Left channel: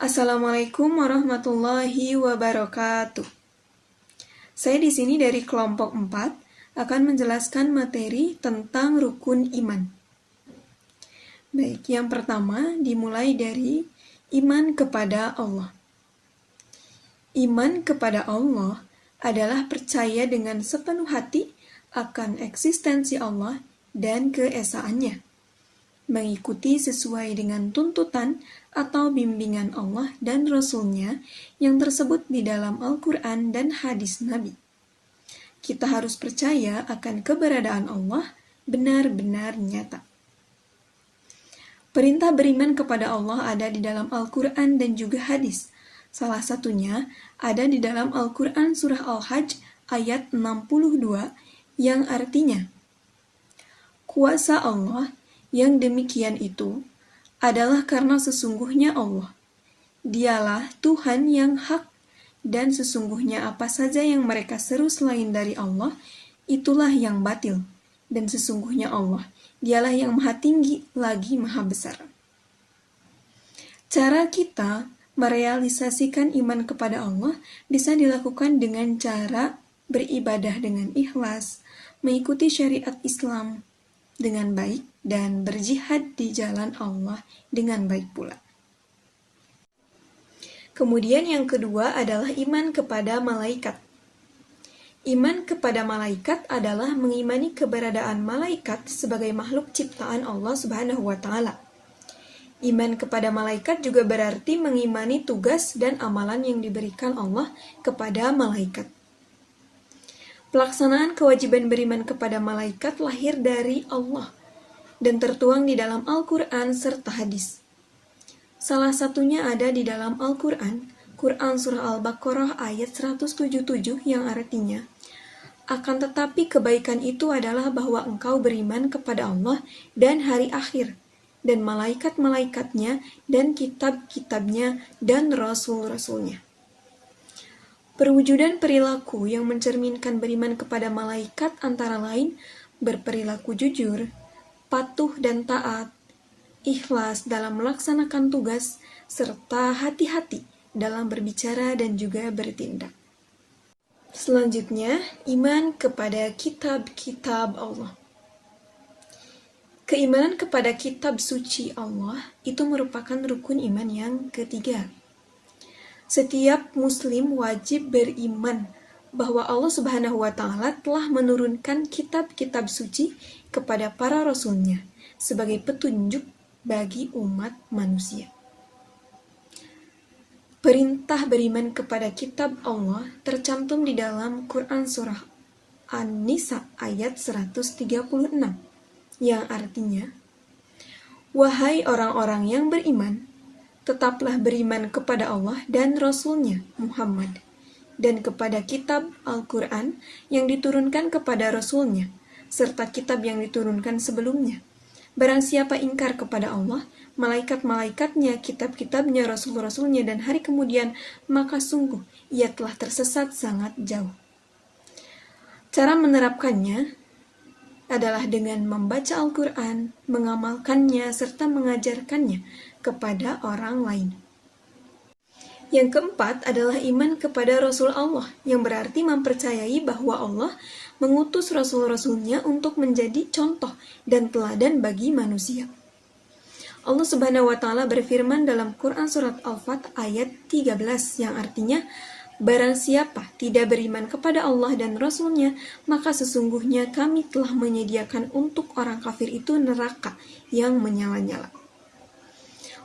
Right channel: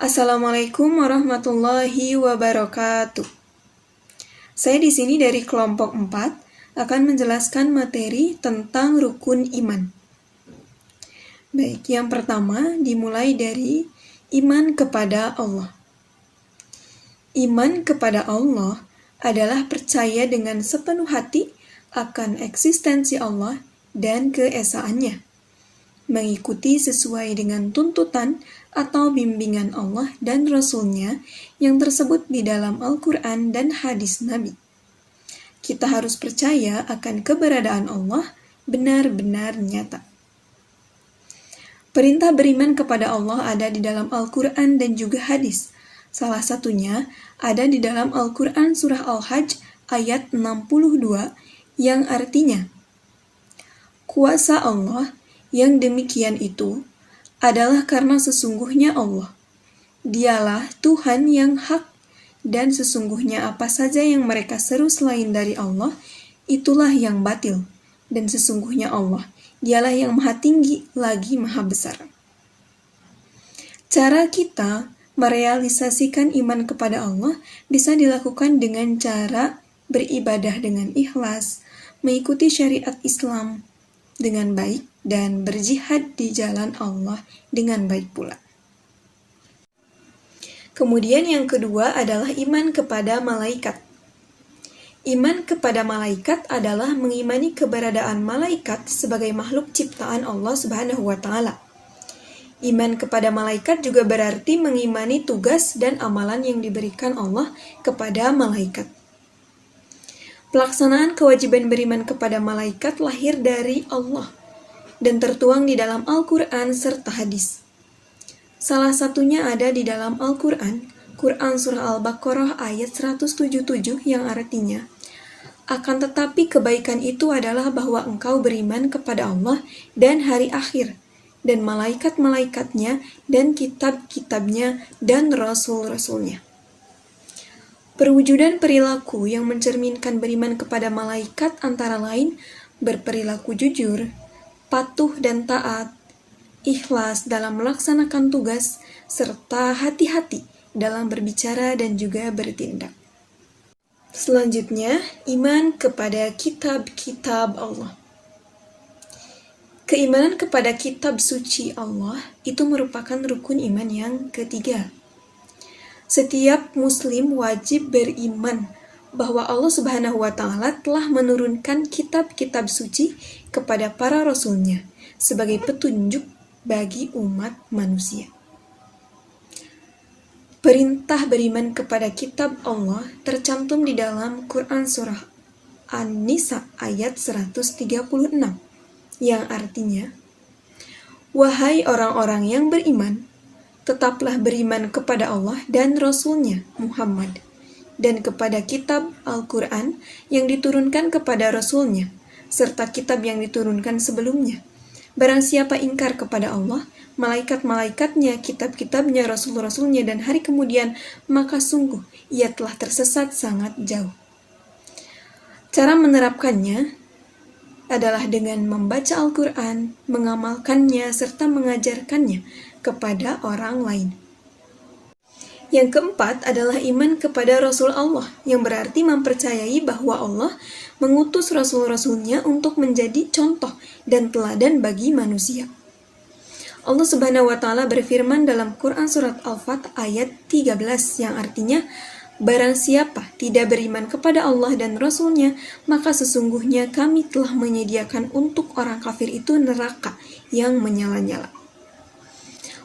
Assalamualaikum warahmatullahi wabarakatuh. Saya di sini dari kelompok 4 akan menjelaskan materi tentang rukun iman. Baik, yang pertama dimulai dari iman kepada Allah. Iman kepada Allah adalah percaya dengan sepenuh hati akan eksistensi Allah dan keesaannya, mengikuti sesuai dengan tuntutan atau bimbingan Allah dan Rasul-Nya yang tersebut di dalam Al-Quran dan hadis Nabi. Kita harus percaya akan keberadaan Allah benar-benar nyata. Perintah beriman kepada Allah ada di dalam Al-Quran dan juga hadis. Salah satunya ada di dalam Al-Quran surah Al-Hajj ayat 62 yang artinya, kuasa Allah yang demikian itu adalah karena sesungguhnya Allah. Dialah Tuhan yang hak, dan sesungguhnya apa saja yang mereka seru selain dari Allah, itulah yang batil. Dan sesungguhnya Allah, dialah yang maha tinggi lagi maha besar. Cara kita merealisasikan iman kepada Allah bisa dilakukan dengan cara beribadah dengan ikhlas, mengikuti syariat Islam dengan baik, dan berjihad di jalan Allah dengan baik pula. Kemudian yang kedua adalah iman kepada malaikat. Iman kepada malaikat adalah mengimani keberadaan malaikat sebagai makhluk ciptaan Allah Subhanahu wa Ta'ala. Iman kepada malaikat juga berarti mengimani tugas dan amalan yang diberikan Allah kepada malaikat. Pelaksanaan kewajiban beriman kepada malaikat lahir dari Allah dan tertuang di dalam Al-Quran serta hadis. Salah satunya ada di dalam Al-Quran, Quran Surah Al-Baqarah ayat 177 yang artinya, akan tetapi kebaikan itu adalah bahwa engkau beriman kepada Allah dan hari akhir, dan malaikat-malaikatnya, dan kitab-kitabnya, dan rasul-rasulnya. Perwujudan perilaku yang mencerminkan beriman kepada malaikat antara lain berperilaku jujur, patuh dan taat, ikhlas dalam melaksanakan tugas, serta hati-hati dalam berbicara dan juga bertindak. Selanjutnya, iman kepada kitab-kitab Allah. Keimanan kepada kitab suci Allah itu merupakan rukun iman yang ketiga. Setiap muslim wajib beriman bahwa Allah Subhanahu wa Ta'ala telah menurunkan kitab-kitab suci kepada para rasulnya sebagai petunjuk bagi umat manusia. Perintah beriman kepada kitab Allah tercantum di dalam Quran surah An-Nisa ayat 136 yang artinya, wahai orang-orang yang beriman, tetaplah beriman kepada Allah dan Rasul-Nya Muhammad, dan kepada kitab Al-Quran yang diturunkan kepada Rasul-Nya, serta kitab yang diturunkan sebelumnya. Barang siapa ingkar kepada Allah, malaikat-malaikatnya, kitab-kitabnya, rasul-rasulnya, dan hari kemudian, maka sungguh ia telah tersesat sangat jauh. Cara menerapkannya adalah dengan membaca Al-Quran, mengamalkannya, serta mengajarkannya kepada orang lain. Yang keempat adalah iman kepada Rasul Allah, yang berarti mempercayai bahwa Allah mengutus Rasul-Rasulnya untuk menjadi contoh dan teladan bagi manusia. Allah Subhanahu wa Ta'ala berfirman dalam Quran Surat Al-Fat ayat 13 yang artinya, barang siapa tidak beriman kepada Allah dan Rasul-Nya, maka sesungguhnya kami telah menyediakan untuk orang kafir itu neraka yang menyala-nyala.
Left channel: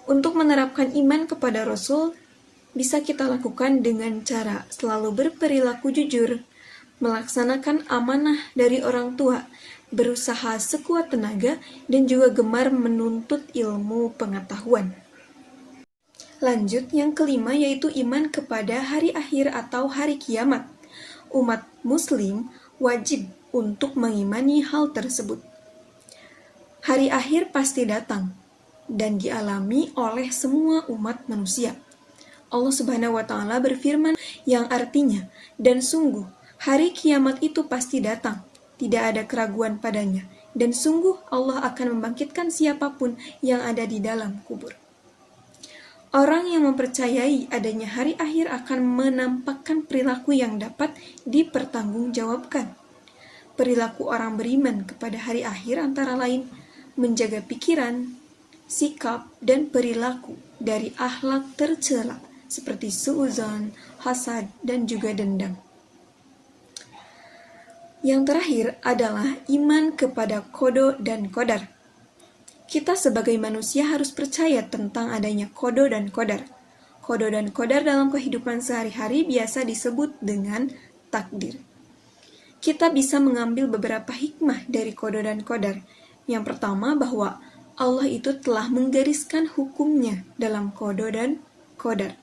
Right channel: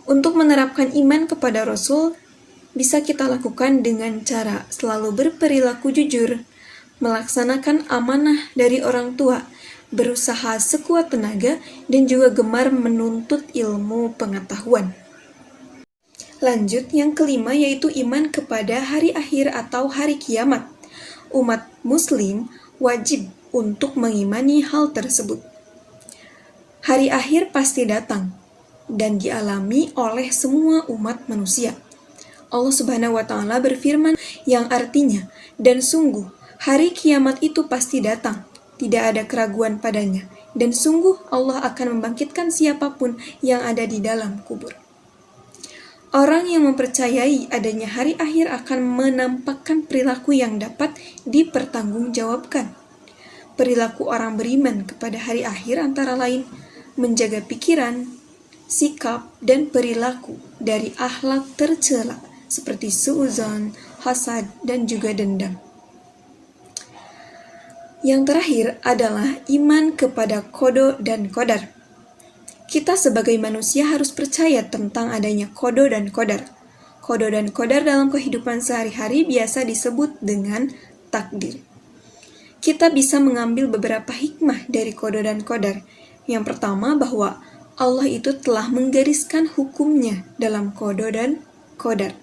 Untuk menerapkan iman kepada Rasul, bisa kita lakukan dengan cara selalu berperilaku jujur, melaksanakan amanah dari orang tua, berusaha sekuat tenaga, dan juga gemar menuntut ilmu pengetahuan. Lanjut, yang kelima yaitu iman kepada hari akhir atau hari kiamat. Umat muslim wajib untuk mengimani hal tersebut. Hari akhir pasti datang dan dialami oleh semua umat manusia. Allah Subhanahu wa Ta'ala berfirman yang artinya, dan sungguh hari kiamat itu pasti datang, tidak ada keraguan padanya, dan sungguh Allah akan membangkitkan siapapun yang ada di dalam kubur. Orang yang mempercayai adanya hari akhir akan menampakkan perilaku yang dapat dipertanggungjawabkan. Perilaku orang beriman kepada hari akhir antara lain menjaga pikiran, sikap, dan perilaku dari akhlak tercela seperti suudzon, hasad, dan juga dendam. Yang terakhir adalah iman kepada qada dan qadar. Kita sebagai manusia harus percaya tentang adanya qada dan qadar. Qada dan qadar dalam kehidupan sehari-hari biasa disebut dengan takdir. Kita bisa mengambil beberapa hikmah dari qada dan qadar. Yang pertama, bahwa Allah itu telah menggariskan hukumnya dalam qada dan qadar.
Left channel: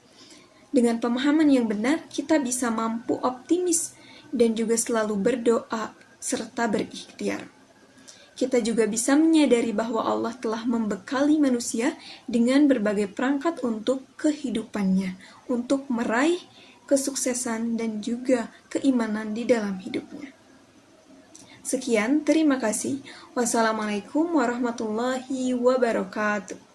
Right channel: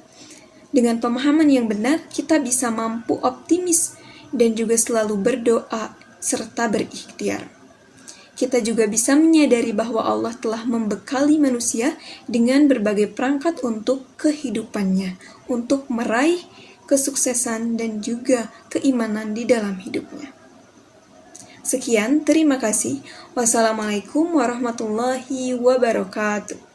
Dengan pemahaman yang benar, kita bisa mampu optimis dan juga selalu berdoa serta berikhtiar. Kita juga bisa menyadari bahwa Allah telah membekali manusia dengan berbagai perangkat untuk kehidupannya, untuk meraih kesuksesan dan juga keimanan di dalam hidupnya. Sekian, terima kasih. Wassalamualaikum warahmatullahi wabarakatuh.